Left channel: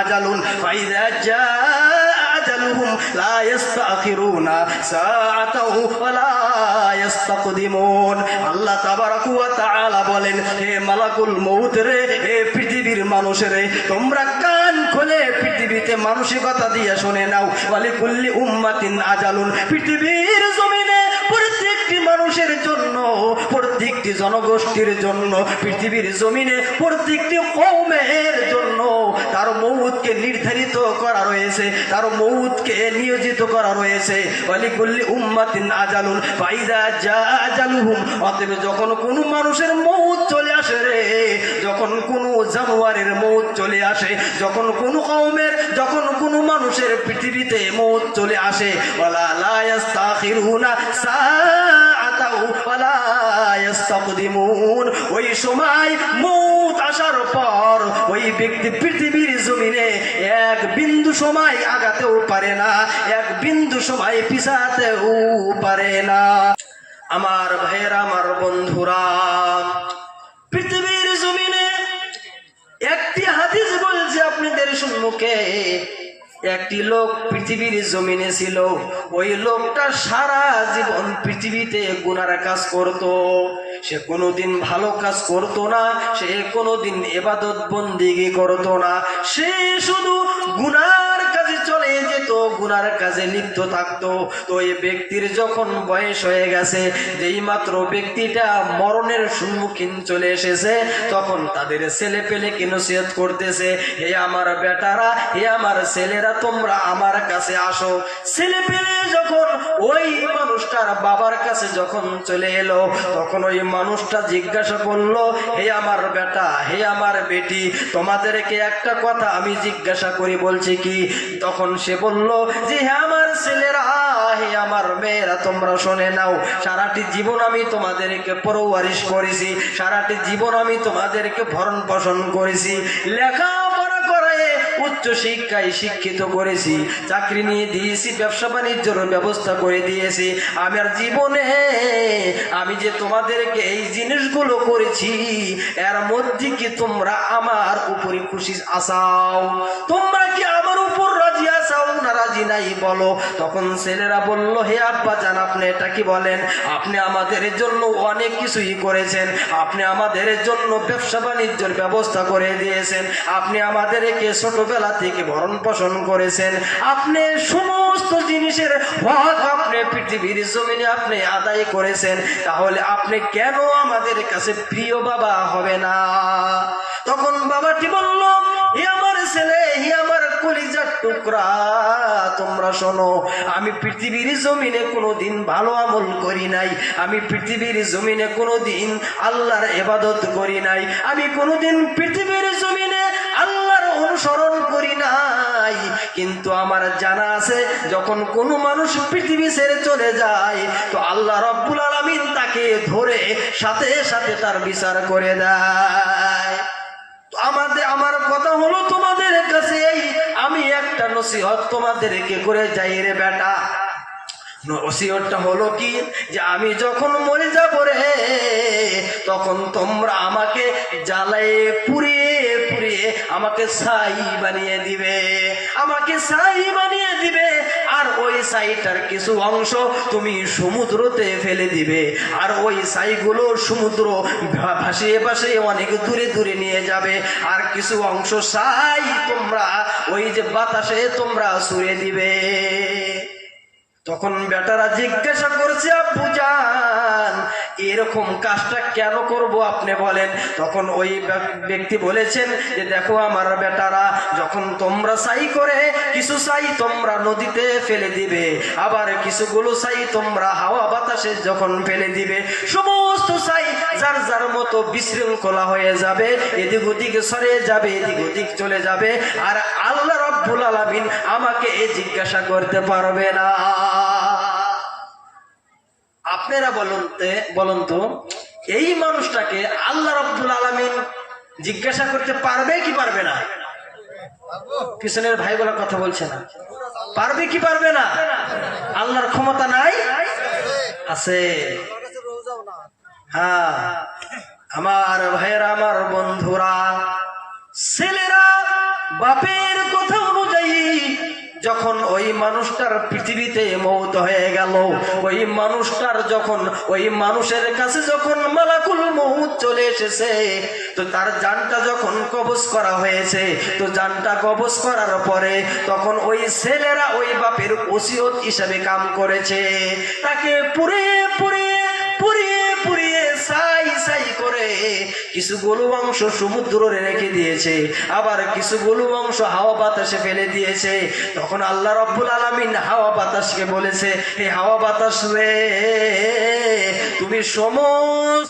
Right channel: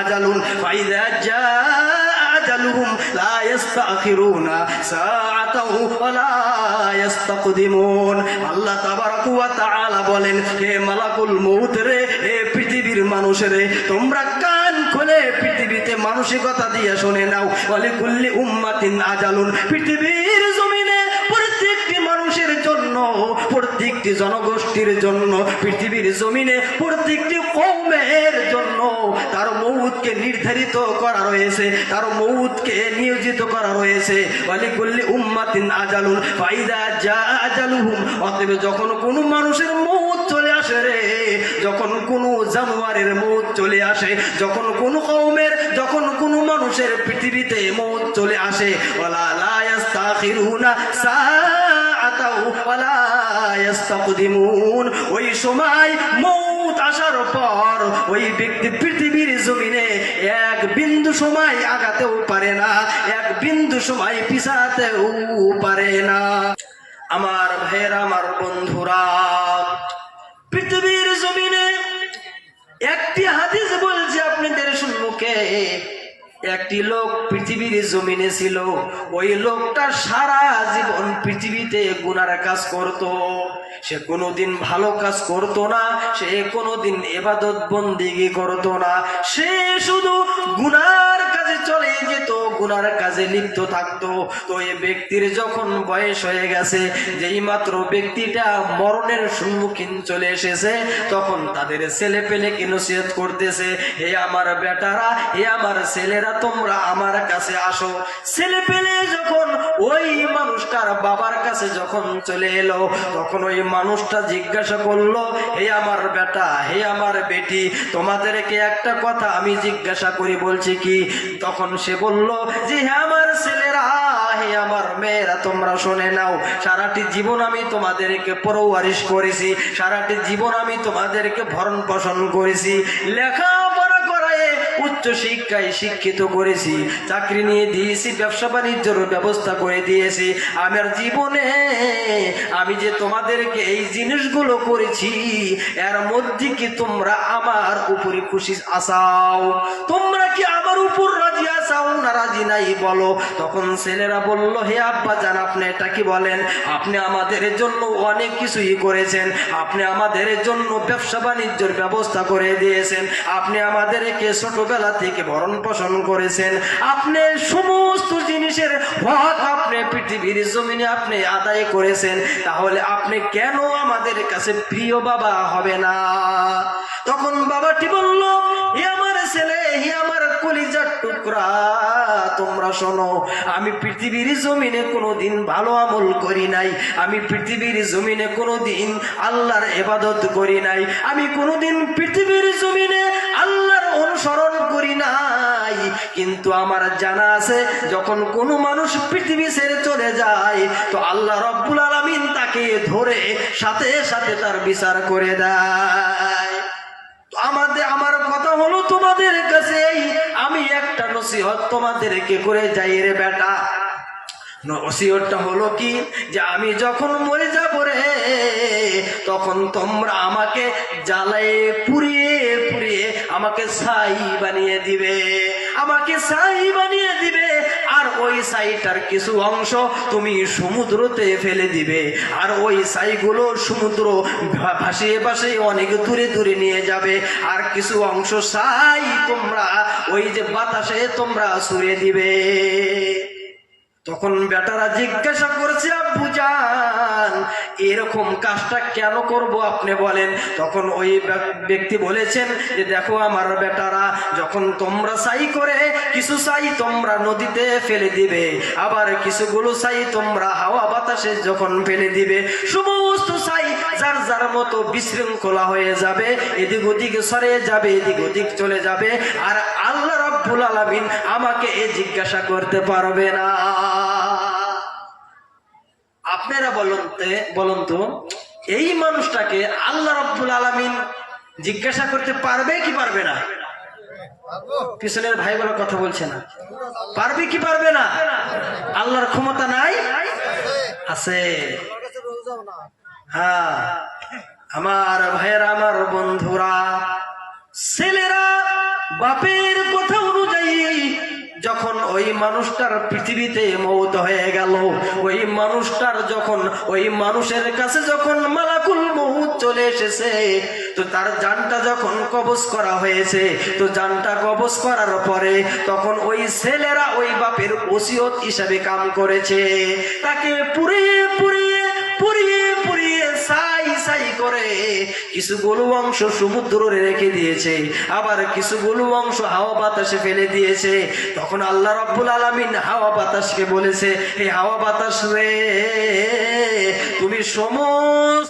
আজালুন, ফাইদা জা আজালুহুম, লা ইস্তাখিরুনা সাআতাও ওয়ালা ইস্তাকদিমুন আল্লাহ তাবারাকু ওয়া তাআলা বলেন, হে মালাকুল মউত রে পৃথিবীর মানুষ তোমরা কান খুলে পৃথিবীতে মানসিকতা দিয়ে শুনে নাও। ওয়ালি কুল্লি উম্মাতিন আজালুন, পৃথিবীর জমিনে প্রত্যেকটি মানুষের জন্য, প্রত্যেকটি জনগোষ্ঠীর জন্য, পৃথিবীর জমিনে প্রত্যেকটি কৌমের জন্য তার মৌতকে নির্ধারিত করা রয়েছে তার মৌতকে নিয়োজিত করা রয়েছে। উম্মাতিন আজালুন, ফাইদা যা আজালুহুম। অতএব যখন কোনো মানুষের মৌত চলে আসে রে, যখন কোনো জানোয়ারের মৌত চলে আসে, যখন কোনো কওমের, যখন কোনো মানুষের পৃথিবীতে মৌত চলে আসে সাআতাও ওই সময় মৌত আসার পর ওই ব্যক্তি পৃথিবীর জমিনে এক বিন্দু সময় আগাতেও পারে না, এক বিন্দু সময় পিছাতেও পারে না। আমার ভাইয়ের, আমার বন্ধুরা একটি লোক পৃথিবীর জমিনে ছিল। ওই লোকটা সারা জীবন পৃথিবীতে গুনার কাজ করত। সে কোনোদিন ভালো কাজ করত না, সে কোনোদিন এবাদত বন্দিগি করত না। সে শুধু গুনার গুনার কাজে লিপ্ত থাকতো। তো এই ব্যক্তির যখন বয়স হয়ে গেছে, যেই মাত্র ব্যক্তিটা মরণের সম্মুখীন চলে এসেছে, তখন তাদের ছেলে পেলে নসিহত করতেছে? হে আমার বেটারা, হে আমার ছেলেরা, তোমরা আমার কাছে আসো। ছেলে পেলে যখন ওই মানুষটার বাবার কাছে যখন চলে এলো, তখন ওই মানুষটা জিজ্ঞাসা করল, হে আমার বেটা, হে আমার বেটি, তোমাদেরকে একটা কথা আমি জিজ্ঞাসা করি। বলছি কি, তখন সে বলল যে হে আমার ছেলেরা, হে আমার মেয়েরা, তোমরা শুনে নাও, সারাটি জীবন আমি তোমাদেরকে পরওয়ারিশ করেছি, সারাটি জীবন আমি তোমাদেরকে ভরণ পোষণ করেছি। করায় উচ্চ শিক্ষায় শিক্ষিত করেছি, চাকরি নিয়ে দিয়েছি, ব্যবসা বাণিজ্যের ব্যবস্থা করে দিয়েছি। আমার জীবনে, আমি যে তোমাদেরকে এই জিনিসগুলো করেছি, এর মধ্যে কি তোমরা আমার উপরে খুশি আসাও? তোমরা কি আমার রাজি নাই, বলো। তখন ছেলেরা বলল, হে আব্বা জান, আপনি এটা কি বলেন? আপনি আমাদের জন্য অনেক কিছুই করেছেন। আপনি আমাদের জন্য ব্যবসা বাণিজ্যের ব্যবস্থা করে দিয়েছেন। আপনি আমাদেরকে ছোটবেলা থেকে ভরণ পোষণ করেছেন। আপনি সমস্ত জিনিসের হক আপনি পৃথিবীর জমিনে আপনি আদায় করেছেন। তাহলে আপনি কেন আমাদের কাছে প্রিয় বাবা হবে না? টুকরা, তোমরা শোনো, আমি পৃথিবীর জমিনে কোনোদিন ভালো আমল করি নাই। আমি পৃথিবীর জমিনে কোনোদিন আল্লাহর ইবাদত করি নাই। আমি কোনোদিন পৃথিবীর জমিনে আল্লাহর অনুসরণ করি নাই। কিন্তু আমার জানা আছে, যখন কোনো মানুষ পৃথিবী ছেড়ে চলে যায়, তো আল্লাহ রব্বুল আলামিন তাকে ধরে সাথে সাথে তার বিচার করে দেয়। আমাদের, আমার কথা হলো তোমাদের কাছে এই নসিহত তোমাদেরকে করে যাই রে বেটা। নসিহতটা হলো কি? যে আমি যখন মরে যাব রে, তখন তোমরা আমাকে জ্বালায়ে পুড়িয়ে পুড়িয়ে আমাকে ছাই বানিয়ে দিবে। আমাকে ছাই বানিয়ে দিবে। আর ওই ছাইটার কিছু অংশ তুমি সমুদ্রতে ফেলে দিবে। আর ওই ছাইগুলো সমুদ্র ভাসিয়ে ভাসিয়ে অনেক দূরে দূরে নিয়ে যাবে। আর কিছু অংশ তোমরা ওই যে বাতাসে তোমরা ছুড়ে দিবে। তখন বেটারা জিজ্ঞাসা করছে, আব্বু জান, এরকম কাজটা কেন করব আপনি বলেন? তখন ওই ব্যক- ব্যক্তি বলেছেন যে, দেখো আমার বেটারা, যখন তোমরা সাই করে কিছু সাই তোমরা নদীতে ফেলে দিবে, আবার কিছুগুলো সাই তোমরা হাওয়া বাতাসে যখন ফেলে দিবে, সমস্ত সাই যার যার মতো বিশৃঙ্খলা হয়ে যাবে, এদিক ওদিক সরে যাবে, এদিক ওদিক চলে যাবে, আর রব্বুল আলামিন আমাকে এ জিজ্ঞাসা করতে পারবে না। আপনারা বলুন বলুন তো, এই মানুষটাকে আল্লাহ রব্বুল আলামিন জিজ্ঞাসা করতে পারবে কি পারবে না? পিছনের ভাইগুলো কথা বলছে না। পারবে কি পারবে না? আল্লাহর ক্ষমতা নাই? আছে। হ্যাঁ আমার ভাইয়েরা, আমার বন্ধুরা, ছেলেরা, বাপের যখন ওই মানুষটার পৃথিবীতে মৌত হয়ে গেল, ওই মানুষটার যখন, ওই মানুষের কাছে যখন মালাকুল মৌত চলে এসেছে, তো তার জানটা যখন কবজ করা হয়েছে, তো যানটা কবজ করার পরে তখন ওই ছেলেরা ওই বাপের ওসিয়ত হিসাবে কাম করেছে। তাকে পুরে পুড়িয়ে কিছু গরু অংশ সমুদ্র রেখে দিয়েছে, আবার কিছু গরু অংশ হাওয়া বাতাসে ফেলে দিয়েছে। তখন আল্লাহ রাব্বুল আলমিন হাওয়া বাতাসকে বলেছে, হে হাওয়া বাতাস রে, তুমি সময়